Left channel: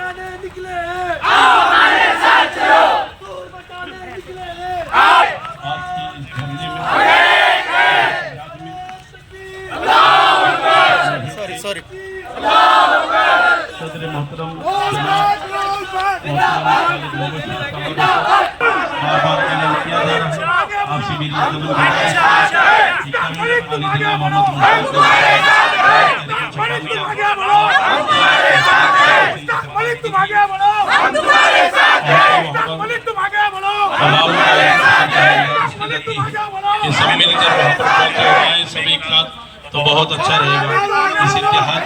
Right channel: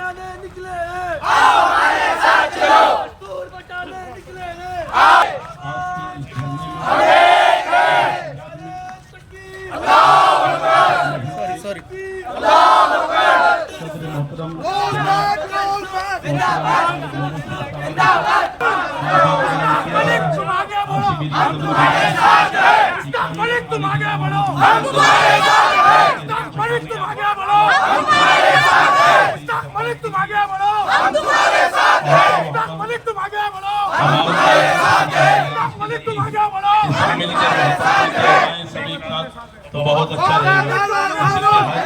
बचाने निकले हैं, आओ हमारे साथ चलो, दस्तूर बचाने निकले हैं, आज के इस धरने में सॉरी सदर मोहतरम सभी का तो बहुत अच्छा रहेगा। इस इतिहास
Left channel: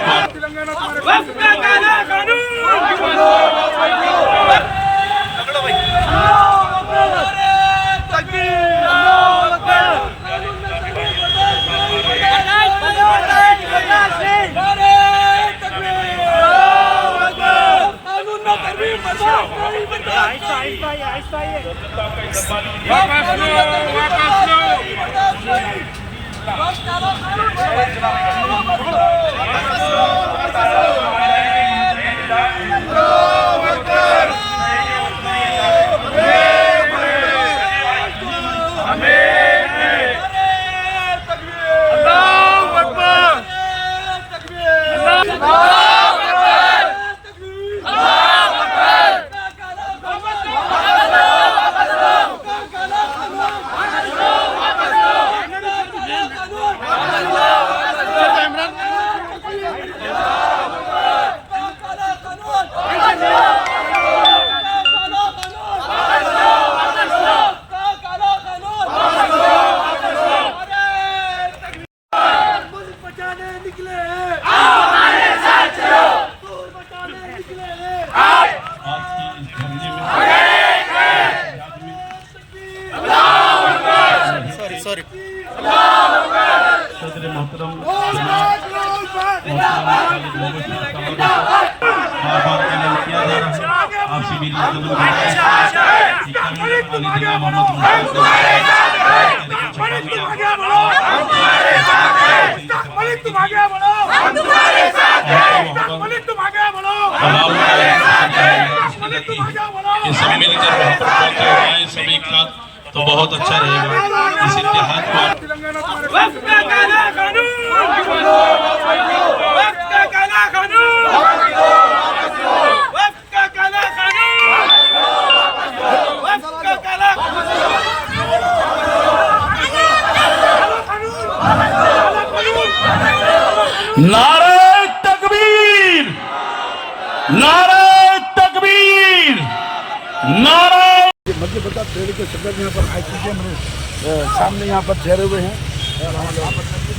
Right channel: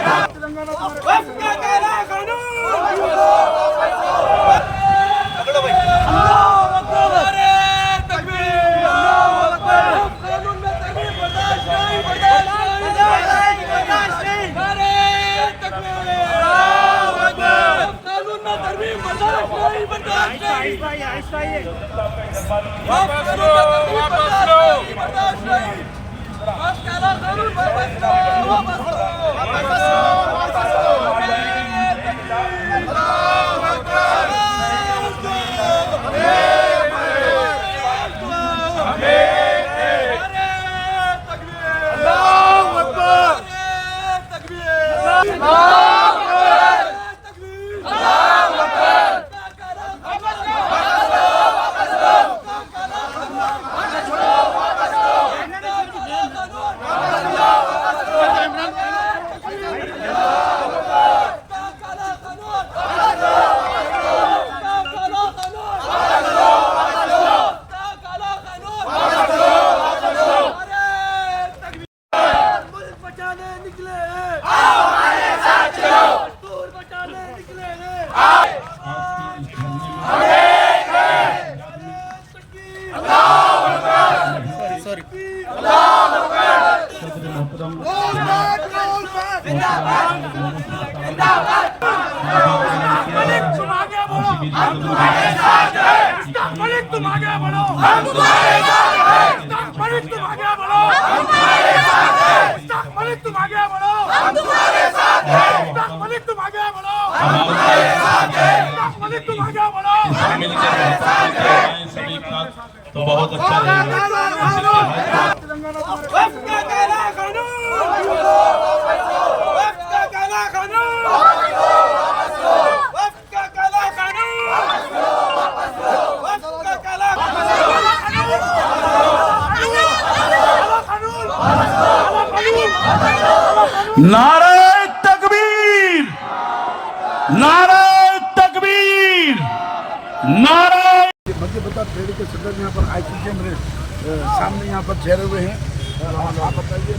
सदर मोहतरम सभी का तो बहुत अच्छा रहेगा। इस इतिहास नारे तकबीर, नारे तकबीर, नारे। मुझे बता पेड़ के सदर यहाँ पर आईसीएम में सामने यहाँ पर ठहरे हुए हैं और आप बताइए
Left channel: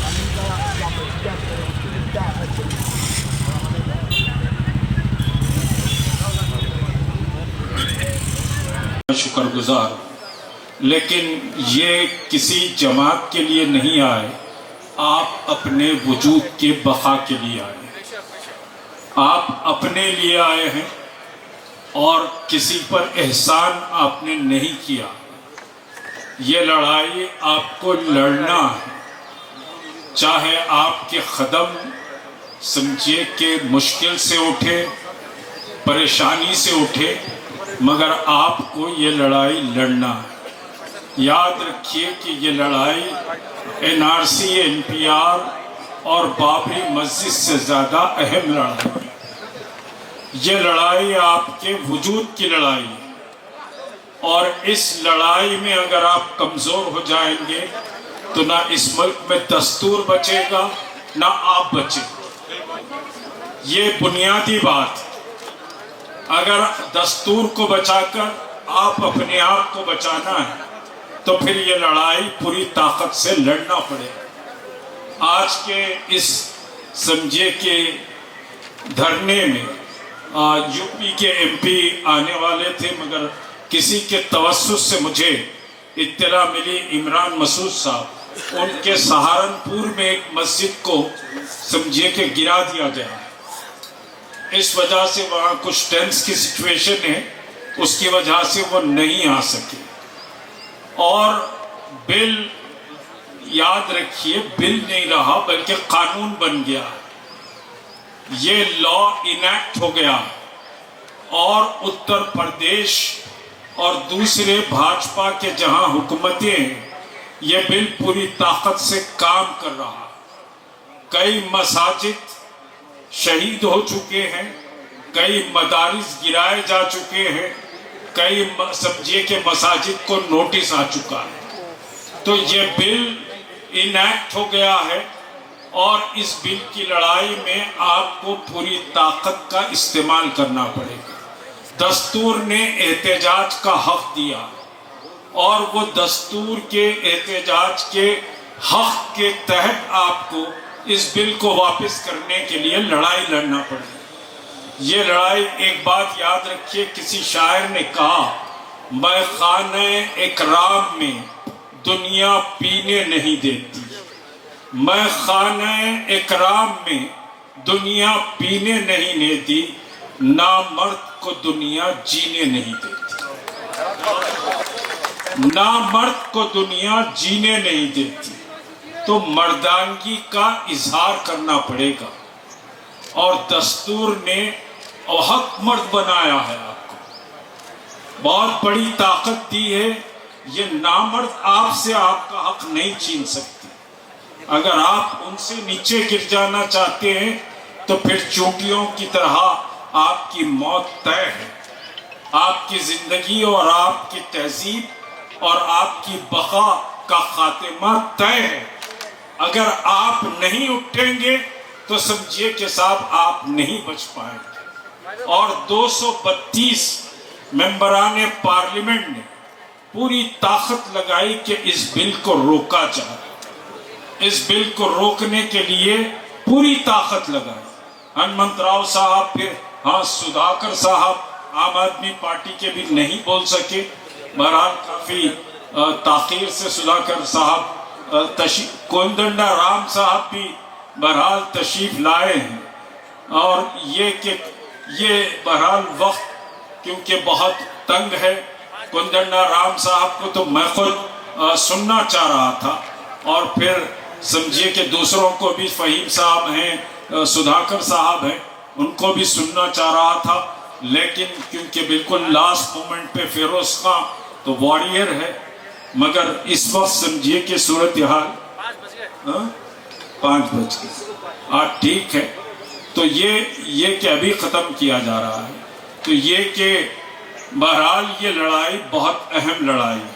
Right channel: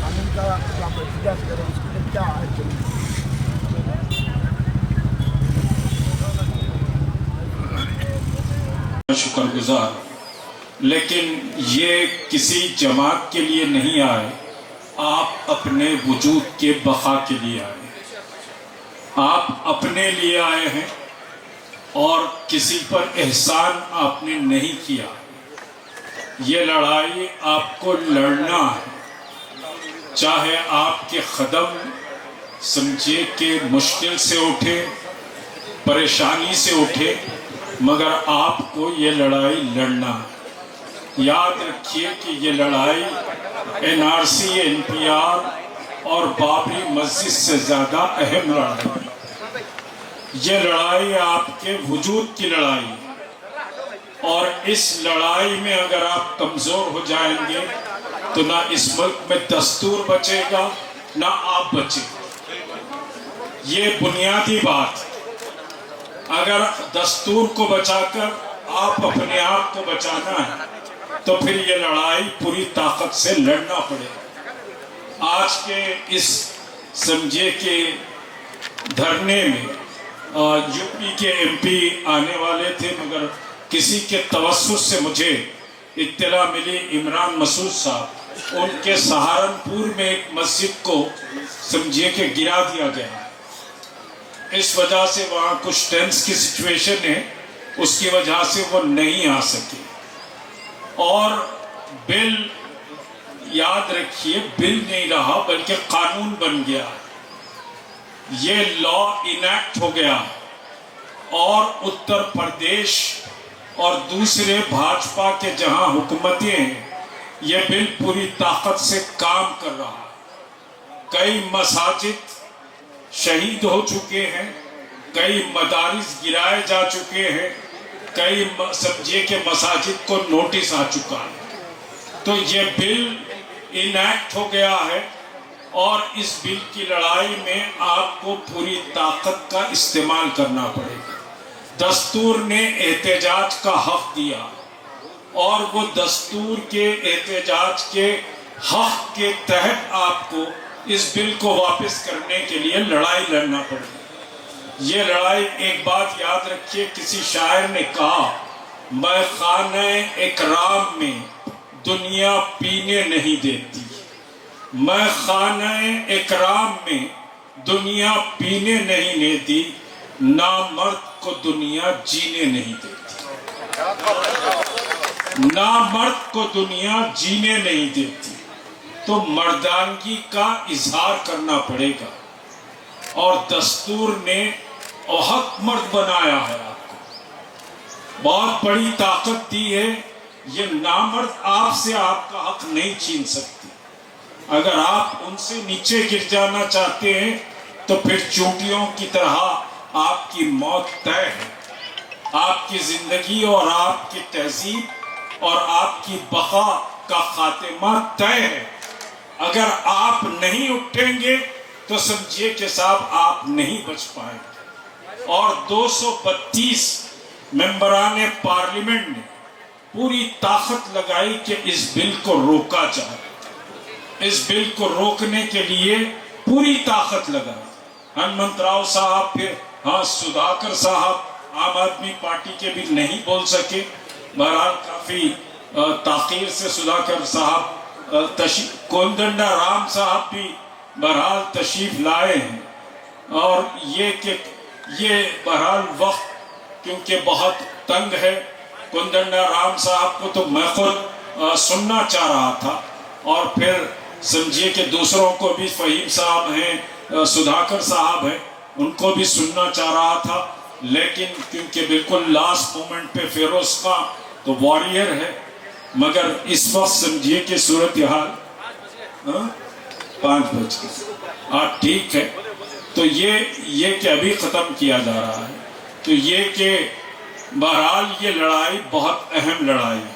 कानून का क्या प्रक्रिया करें, उसके लिए क्या है। शुक्रगुजार, लेकिन ये किसी जमात के लिए नहीं आए, आप अपने वजूद के बका के लिए आए, आप अपने लिए आए हैं और किसी पर एहसान आपने नहीं किया। ये लड़ाई आपको लड़ना है, चाहे आपके कदम समझिए कि मुश्किल से उठे, परेशानी से उठे, मगर आपको ये लड़ाई लड़ना है। याद रखिए कि ये लड़ाई एनआरसी, एनपीआर और बाबरी मस्जिद से ज्यादा अहम लड़ाई है। ये लड़ाई आपके वजूद की लड़ाई है और इस लड़ाई में अगर आप कमजोर हो जाएंगे तो ना इस मुल्क में दस्तूर बचेगा, ना आप बचेंगे। ये बुनियादी बात। अगर दस्तूर को बचाकर आप अपने आप को बचाना है तो फिर ये लड़ाई पूरी ताकत से लड़ना पड़ेगा। आज के इस समझिए के धरने में यूपी के एमपी आने वाले थे, मगर किसी के तवस्सुस से मुझे इत्तला मिली इमरान मसूद साहब, उनके सहारनपुर में एक मस्जिद को समझिए के गिरा दिया गया। इस वजह से वहां कुछ टेंस की सिचुएशन है, उसकी वजह से वो नहीं आ सके। और बिल, याद रखिए, बिल नहीं रहा बल्कि कानून बन गया। ये लॉ इनैक्ट हो गया और उत्तर प्रदेश और दूसरे भाजपा के जहां हुकूमतें हैं, ये बिल पूरी ताकत से काम कर रहा है। कई मसाजिद शहीद हो चुके हैं, कई मदारिस गिराए जा चुके हैं, कई समझिए के मसाजिद को नोटिस आ चुका है। तो ये बिल इनैक्ट हो गया है और इस बिल की लड़ाई में आपको पूरी ताकत का इस्तेमाल करना पड़ेगा। दस्तूर ने एहतजाज का हक दिया और वो दस्तूर के एहतजाज के हक के तहत आपको इस बिल को वापस करने के लिए लड़ाई लड़ना पड़ेगा। ये लड़ाई, एक बात याद रखिए, किसी शायर ने कहा, मैं खाने इकराम में दुनिया पीने नहीं देती, मैं खाने इकराम में दुनिया पीने नहीं देती, ना मर्द को दुनिया जीने नहीं देती, ना मर्द को दुनिया जीने नहीं देती। तो मर्दानगी का इजहार करना पड़ेगा और दस्तूर ने हक मर्द बनाया है आपको, बहुत बड़ी ताकत दी है। ये नामर्द आपसे आपका हक नहीं छीन सकती। अगर आप उनसे नीचे गिर जाना चाहते हैं तो फिर चोटियों की तरह आपकी मौत तय है। आपकी जिंदगी और आपकी तहजीब और आपकी बका का खात्मा तय है। अगर आप नहीं उठेंगे तो समझिए कि साहब आप नहीं बच पाएंगे। और 232 मेंबरान पार्लियामेंट ने पूरी ताकत लगाई कि इस बिल को रोका जाए। इस बिल को रोकने के लिए पूरी ताकत लगाई। हनुमंत राव साहब, फिर सुधाकर साहब आम आदमी पार्टी के भी नहीं बोल सके। बहरहाल काफी ताखीर से सुधाकर साहब, कोदंडा राम साहब भी बहरहाल तशरीफ लाए हैं। और ये बहरहाल वक्त क्योंकि बहुत तंग है, कोदंडा राम साहब को तो मैं खुद सुनना चाह रहा था और फिर समझिए कि दूसरों को भी, फहीम साहब हैं, सुधाकर साहब हैं, उनको भी सुनना चाह रहा था। लेकिन क्योंकि बिल्कुल लास्ट मोमेंट पे फिरोज खां तो वॉरियर है, मगर इस वक्त समझिए कि सूरत हाल 5 बज गए, ठीक है। तो ये कि अभी खत्म किया जा रहा है, तो ये कि बहरहाल ये लड़ाई बहुत अहम लड़ाई है,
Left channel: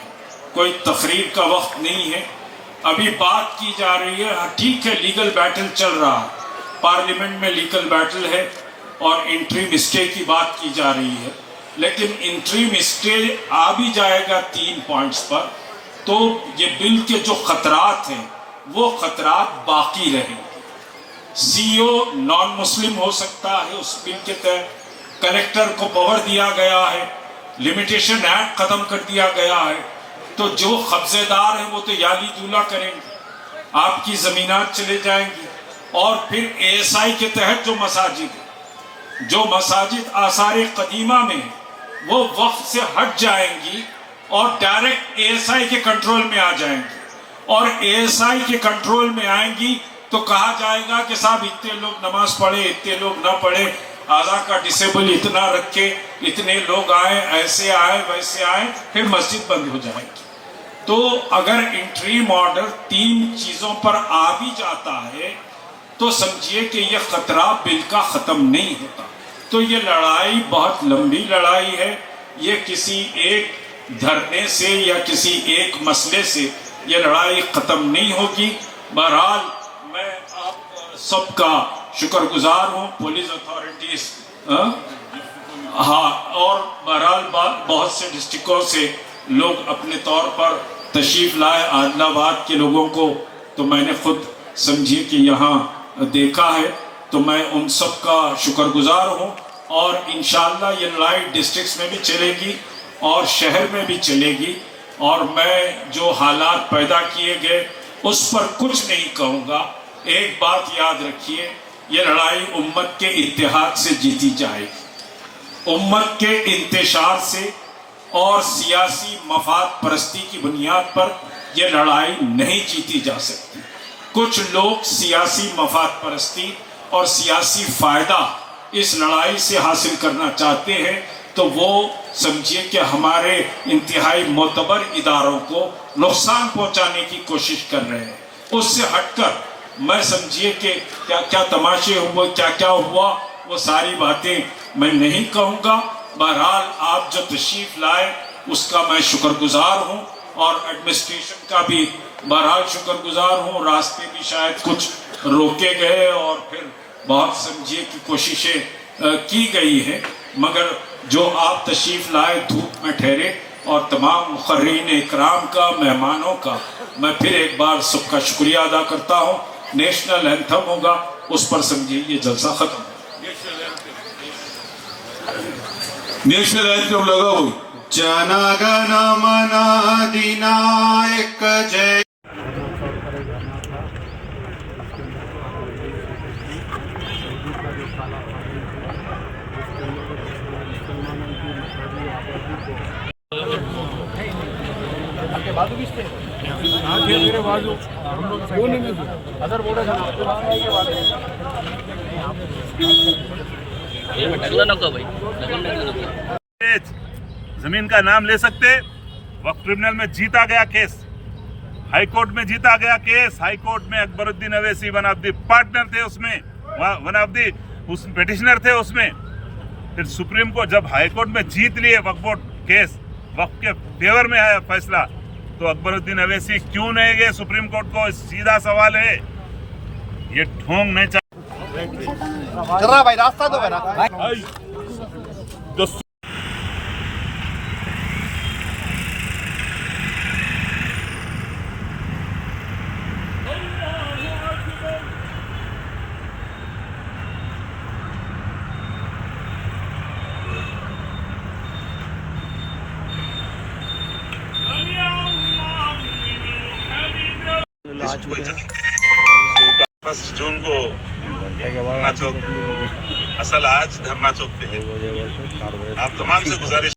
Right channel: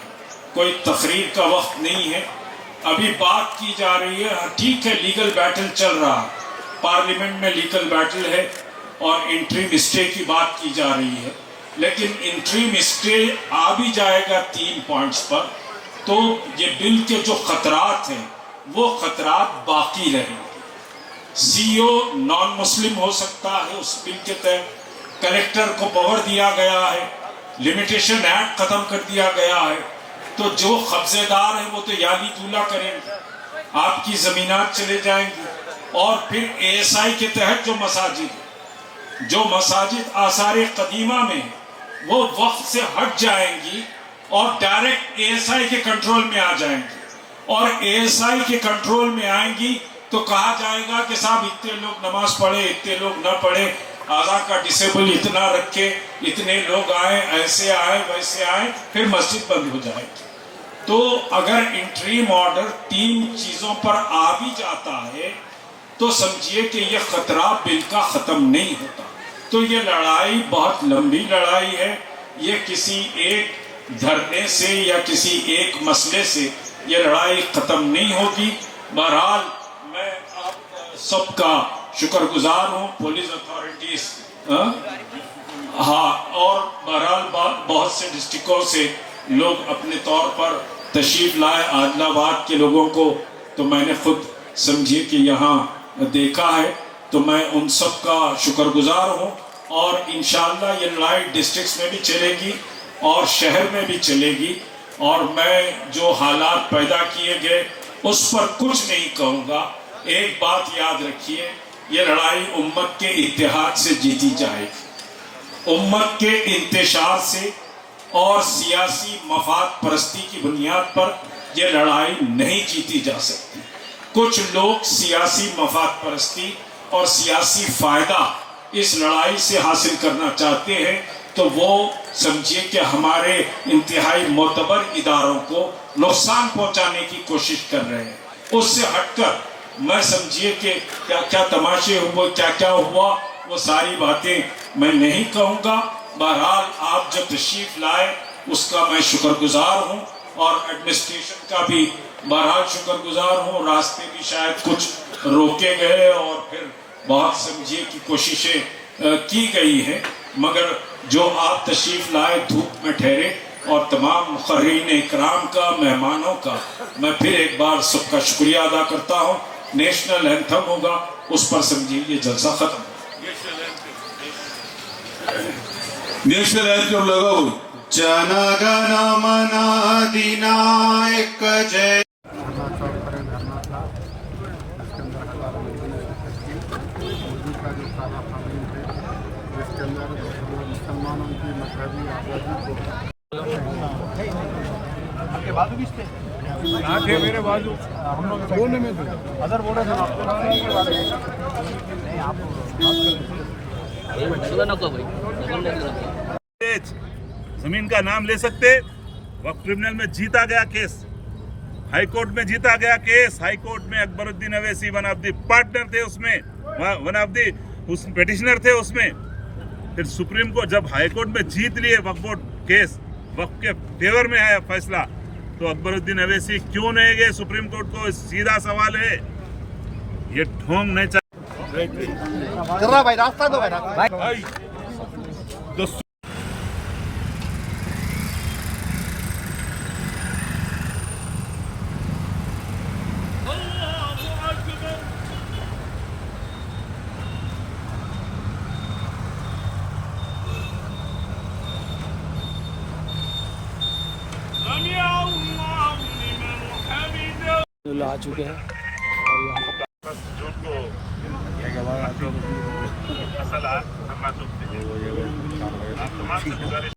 कोई तकरीर का वक्त नहीं है। अभी बात की जा रही है, ठीक है, लीगल बैटल चल रहा है, पार्लियामेंट में लीगल बैटल है और इंटरिम स्टे की बात की जा रही है। लेकिन इंटरिम स्टे आ भी जाएगा 3 पॉइंट्स पर, तो ये बिल के जो खतरात हैं वो खतरात बाकी रहेंगे। सीओ नॉन मुस्लिम हो सकता है उस बिल के तहत, कलेक्टर को पावर दिया गया है, लिमिटेशन एक्ट खत्म कर दिया गया है। तो जो कब्जेदार हैं वो तो याली दूला करेंगे, आपकी जमीनात चले जाएंगी। और फिर एएसआई के तहत जो मसाजिद आसार कदीमा में वो वक्त से हट जाएंगी और डायरेक्ट एएसआई के कंट्रोल में आ जाएंगी। और एएसआई के कंट्रोल में आएंगी तो कहा जाएगा कि साहब इतने लोग नमाज पढ़े, इतने लोग ना पढ़े, आधा का डिसेबल इतना रखे, इतने लोग आए, ऐसे आए वैसे आए, फिर मस्जिद बंद हो जाएगी। तो अगर इंटरिम ऑर्डर 3 चीजों पर आ भी जाता है तो समझिए कि यह खतरा बिल का खत्म नहीं होता। तो ये लड़ाई बहुत लंबी लड़ाई है, ये किसी एक धरने से या किसी एक मसले से ये लड़ाई खत्म नहीं होगी। बहरहाल मैं आप सबका शुक्रगुजार हूँ, पुलिस अथॉरिटीज, और बहरहाल बहुत से डिस्ट्रिक्टों से लोग अपने तौर पर तशरीफ लाए। आदिलाबाद के लोगों को तो मैंने खुद समझिए कि यहाँ देखा है, तो मैं उन सब का शुक्रगुजार हूँ। और इंशाअल्लाह ये लड़ाई डिस्ट्रिक्ट्स में भी चलेगी और शहर में भी चलेगी। और मैं जो हालात पैदा किए गए उस पर कुछ नहीं कहूँगा। एक बात याद रखिए, ये लड़ाई उम्मत के इत्तेहाद से जीती जाएगी, उम्मत के इंतशार से और सियासी मफाद परस्ती की बुनियाद पर यह लड़ाई नहीं जीती जा सकती। कुछ लोग सियासी मफाद परस्ती और सियासी फायदा इस लड़ाई से हासिल करना चाहते हैं तो वो समझिए कि हमारे इंतहाई मोतबर इदारों को नुकसान पहुंचाने की कोशिश कर रहे हैं। उससे हटकर मैं समझिए कि क्या क्या तमाशे हुए, क्या क्या हुआ, वो सारी बातें मैं नहीं कहूँगा। बहरहाल आप जो तशरीफ लाए उसका मैं शुक्रगुजार हूँ और एडमिनिस्ट्रेशन का भी बहरहाल शुक्रगुजार हूँ। रास्ते भी शायद कुछ रोके गए और फिर बहुत समझिए कि कोशिशें की गई है, मगर जो आप तशरीफ लाए धूप में ठहरे और तमाम मुखर्रीन इकराम का, मेहमानों का मैं फिर एक बार सबका शुक्रिया अदा करता हूँ। नेशनल एंथम होगा, उस पर समझिए ये जलसा खत्म। नेशनल एंथम लगाओ। जनगण मन अधिनायक जय। धरना चौक पर एक धरना था, उसके अंदर हजारों लोगों ने शिरकत की। मोदी का जो काला कानून थे जिसके अंदर मुसलमानों की मजहबी आबादी को आपके बाजू किस पे कहाँ थे? मेरे बाजू हम लोग दोनों में थे। अदर बोल रहे थे आपको नहीं, आप जमीन का नाम ले सकते। वक्फ ट्रिब्यूनल में जीता गया केस, हाई कोर्ट में जीता गया केस। हाई कोर्ट में Akbaruddin Owaisi one of the partner थे उसमें, वन ऑफ द उस पेटिशनर थे उसमें। फिर सुप्रीम कोर्ट जब हाई कोर्ट में जीत लिए वक्फ बोर्ड केस, वक्फ के फेवर में है फैसला, तो अकबरुद्दीन अवैसी क्यों नहीं गए सुप्रीम कोर्ट को? सीधा सवाल है, ये ढोंग नहीं चल भाई, रास्ता दो भाई। आ चुके हैं 10 जून को धरना चौक, असल आज धरना चौक पे है। आप तमाम से गुजारिश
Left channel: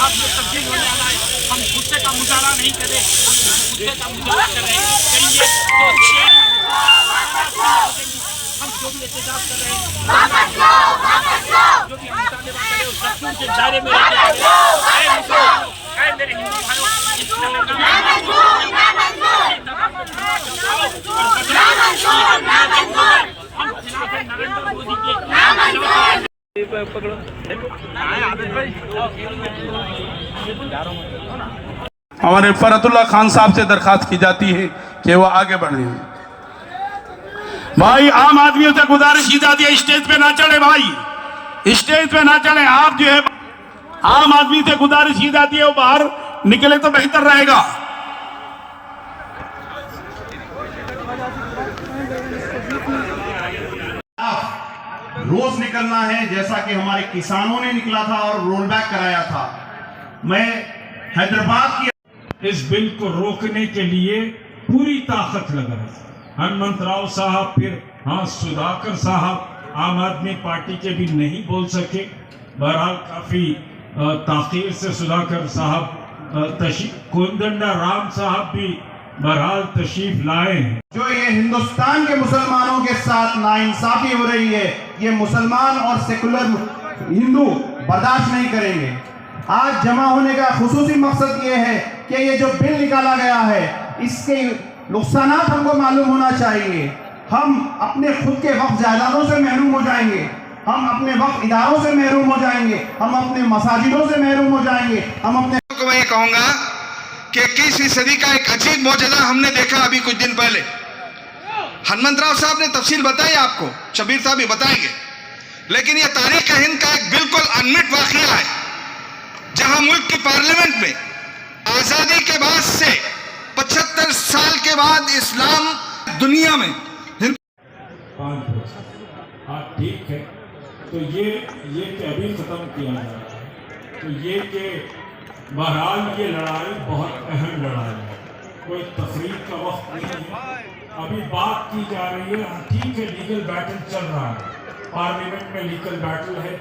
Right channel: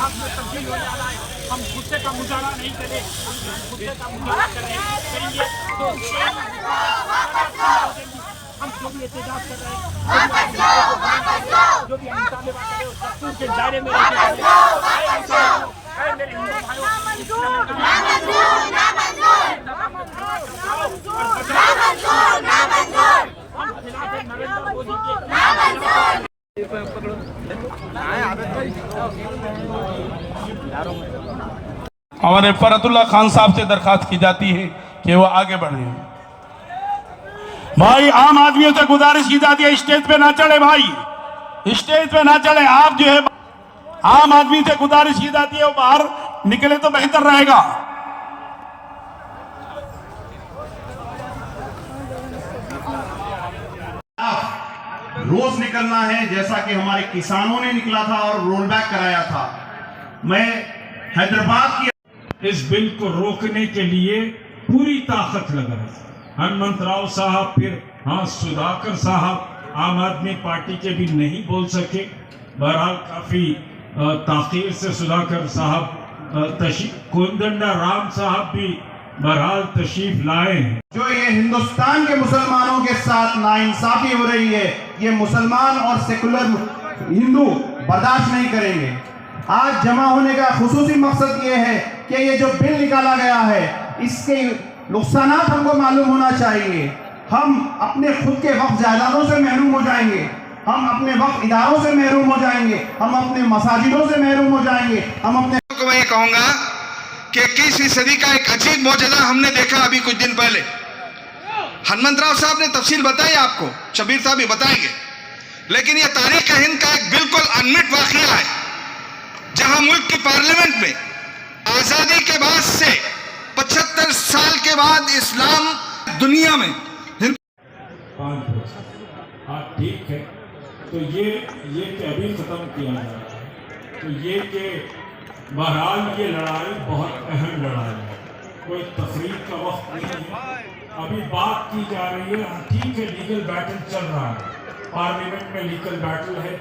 आप ये तब्दील हो जाना है। हम गुस्से का मुजाहरा नहीं करें, गुस्से का मुजाहरा करेंगे तो हम जो भी एहतजाज कर रहे हैं, जो भी हम मुतालिबा कर रहे हैं, दस्तूर के दायरे में रहते हैं। मेरे हिंदू भाइयों, हम खिलाफ है नरेंद्र मोदी के। हमारे फरतुल्ला खान साहब से दरखास्त की जाती है कि वो आगे बढ़े। भाई आम आदमियों से गुजारिश की जाती है स्टेज पे ना चढ़े, भाई स्टेज पे ना चढ़े। आप जो है आम आदमी से गुजारिश की जाती है वो बाहर निकले तो बेहतर रहेगा। रोज निकलना है, जैसा कि हमारे किसानों ने निकला था और रोल बैक कराया था। मैं हैदराबाद की इस बिल को रोकने के लिए पूरी ताकत लगा रहे थे। हनुमंत राव साहब, फिर हाँ सुधाकर साहब आम आदमी पार्टी के भी नहीं बोल सके। बहरहाल काफी ताखीर से सुधाकर साहब कोदंडा राम साहब भी बहरहाल तशरीफ लाए हैं। जो ये हिंदुस्तान के मुसलमानों के साथ नाइंसाफी हो रही है, ये मुसलमान और सेकुलर हिंदू बर्दाश्त नहीं करेंगे। आज जमा होने का खुसूसी मकसद ये है कि ये जो बिल निकाला गया है इसके नुकसानात हमको मालूम होना चाहिए। हम अपने खुद के वक्फ जायदादों से महरूम हो जाएंगे। हम अपने वक्फ इदारों से महरूम हो जाएंगे, हम अपने मसाजिदों से महरूम हो जाएंगे, हम अपने को मैं ये कहूंगा कि 21वीं सदी का एक अजीब मौजज़ा हमने देखा अभी कुछ दिन पहले। हनुमंतराव साहब ने तफसील बताई आपको, शबीर साहब भी बताएंगे, लेकिन यह तारीख हिंद का एक बिल्कुल अनमिट वाक़या है, जहां मुल्क की पार्लियामेंट में आज़ादी के बाद से 75 साल के बाद इस्लाम दुनिया में हाँ ठीक है, तो ये कि अभी ख़त्म किया जा रहा है, तो ये कि बहरहाल ये लड़ाई बहुत अहम लड़ाई है, कोई तकरीर का वक्त नहीं है, अभी बात की जा रही है। ठीक है, लीगल बैटल चल रहा है, पार्लियामेंट में लीगल बैटल है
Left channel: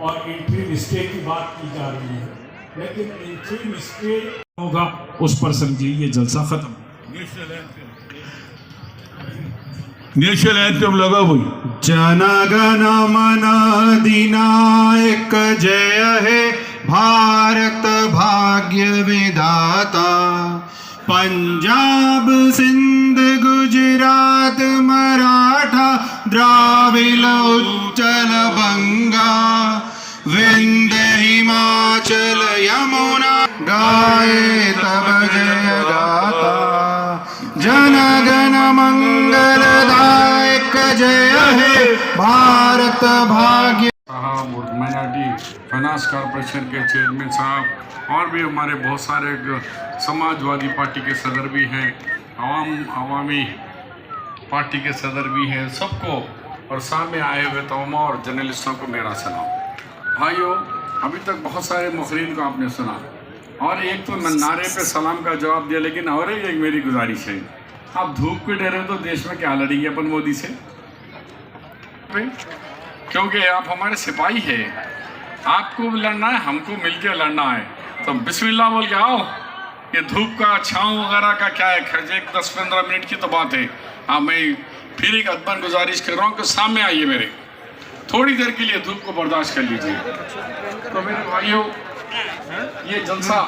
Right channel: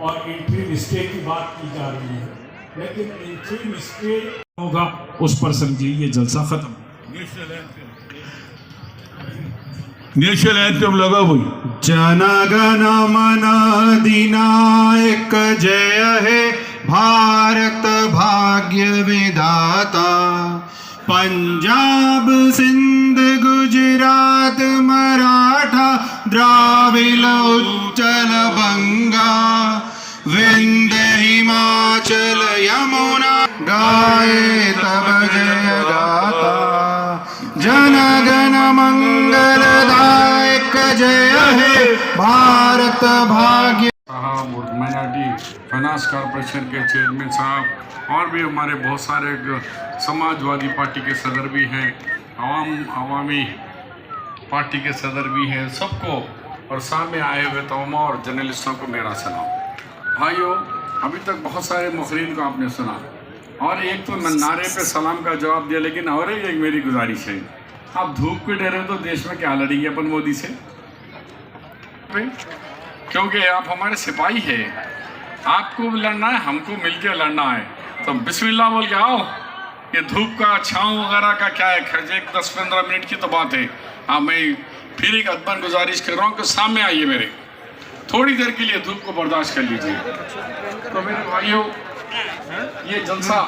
और इंट्रीम स्टे की बात की जा रही है, लेकिन इंट्रीम स्टे होगा उस पर समझिए ये जलसा खत्म। नेशनल एंथम लगा भाई। जनगण मन अधिनायक जय हे भारत भाग्य विधाता, पंजाब सिंध गुजरात मराठा द्राविड़ उच्चल बंगा, विंध्य हिमाचल यमुना गाए तब जय गाता, जनगण मंगलदायक जय हे भारत भाग्य। साहब और माइनॉरिटी फाइनेंस कॉरपोरेशन के चेयरमैन साहब और भी हमारे बहुत सारे समाजवादी पार्टी के सदर भी हैं, अवामी पार्टी के सदर भी हैं, सबको और सामने आए हुए तमाम और जर्नलिस्टों को मेरा सलाम। भाइयों, अभी तक बहुत सारे मुखरीन को आपने सुना और एक तो नारे पे सलाम का जवाब दिया, लेकिन और एक मेरी गुजारिश है, आप धूप के डरे तो देश में क्या लड़ेंगे अपन मोदी से, क्योंकि आप हमारे सिपाही हैं, आपको भी लड़ना है, हमको मिलकर लड़ना है, तो बिस्मिल्लाह बोल के आओ। ये धूप का छाँव वगैरह का क्या है, एक 10-15 मिनट की तो बात है। हाँ, मैं फिर एक अदबन गुजारिश कर रहा हूँ कि सामने आइए मेरे, थोड़ी देर के लिए धूप को बर्दाश्त कर लीजिए। तो मेरे भाइयों, ये जलसा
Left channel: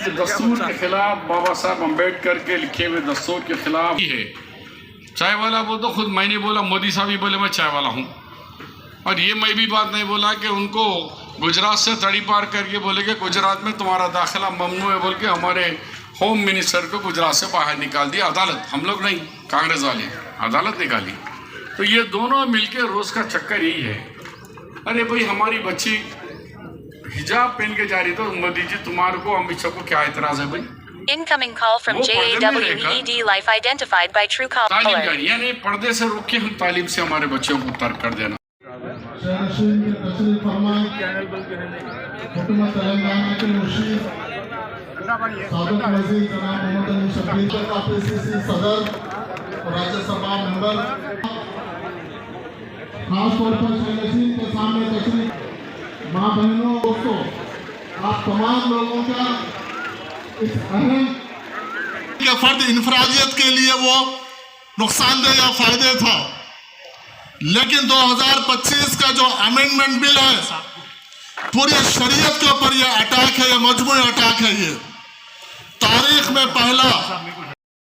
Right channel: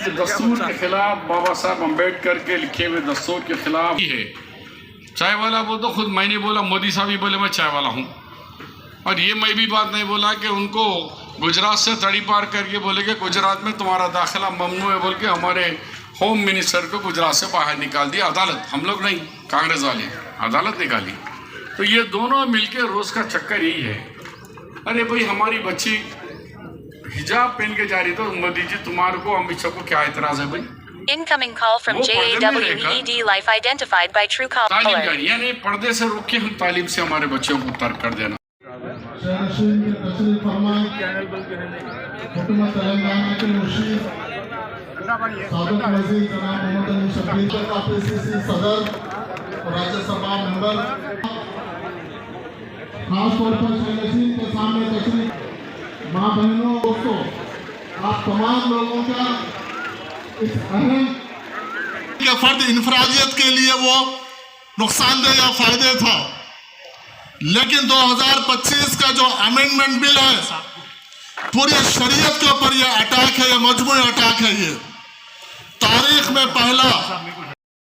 ये दस्तूर के खिलाफ, बाबा साहब अम्बेडकर के लिखे हुए दस्तूर के खिलाफ ही है। चाय वाला वो तो खुद मैंने बोला, मोदी साहब ही बोले मैं चाय वाला हूँ, और ये मैं भी बात नहीं बोला कि उनको गुजरात से तड़ी पार करके बोले कि गुजरात में तुम्हारा दाखिला ममनू है बोल के हमारे होम मिनिस्टर को गुजरात से बाहर निकाल दिया अदालत, हम लोग नहीं, कांग्रेस वाले अदालत निकाली। तो ये दोनों मिलके रोज का चक्कर यही है। अरे भाई, हमारी बच्ची हिजाब पहन के जा रही, तो मोदी जी तुम्हारे को, अमित शाह को क्या एतराज है भाई? Incoming call from JAWED Life identified by Truecaller. तालीम जारी, यानी पर्दे से रोक के हम तालीम से हमारे बच्चों को तर्क कर देना। तेलंगाना के मुशीर साबिक वज़ीर जनाब मोहम्मद अली शबीर का PCC सदर और राज्यसभा मेंबर, खासतौर पर शहनशीन के सामने तशरीफ, माँ बहनों, दोस्तों, आप तमाम लोगों का इस अहम के फर्द इंफरादियत के लिए वो नुकसानदेह या फायदे था, लेकिन 2025 का जो अमेंडमेंट बिल है, पूरी शरीयत के ऊपर ये अटैक है, ये मजमूई अटैक है। ये तारीख में पहला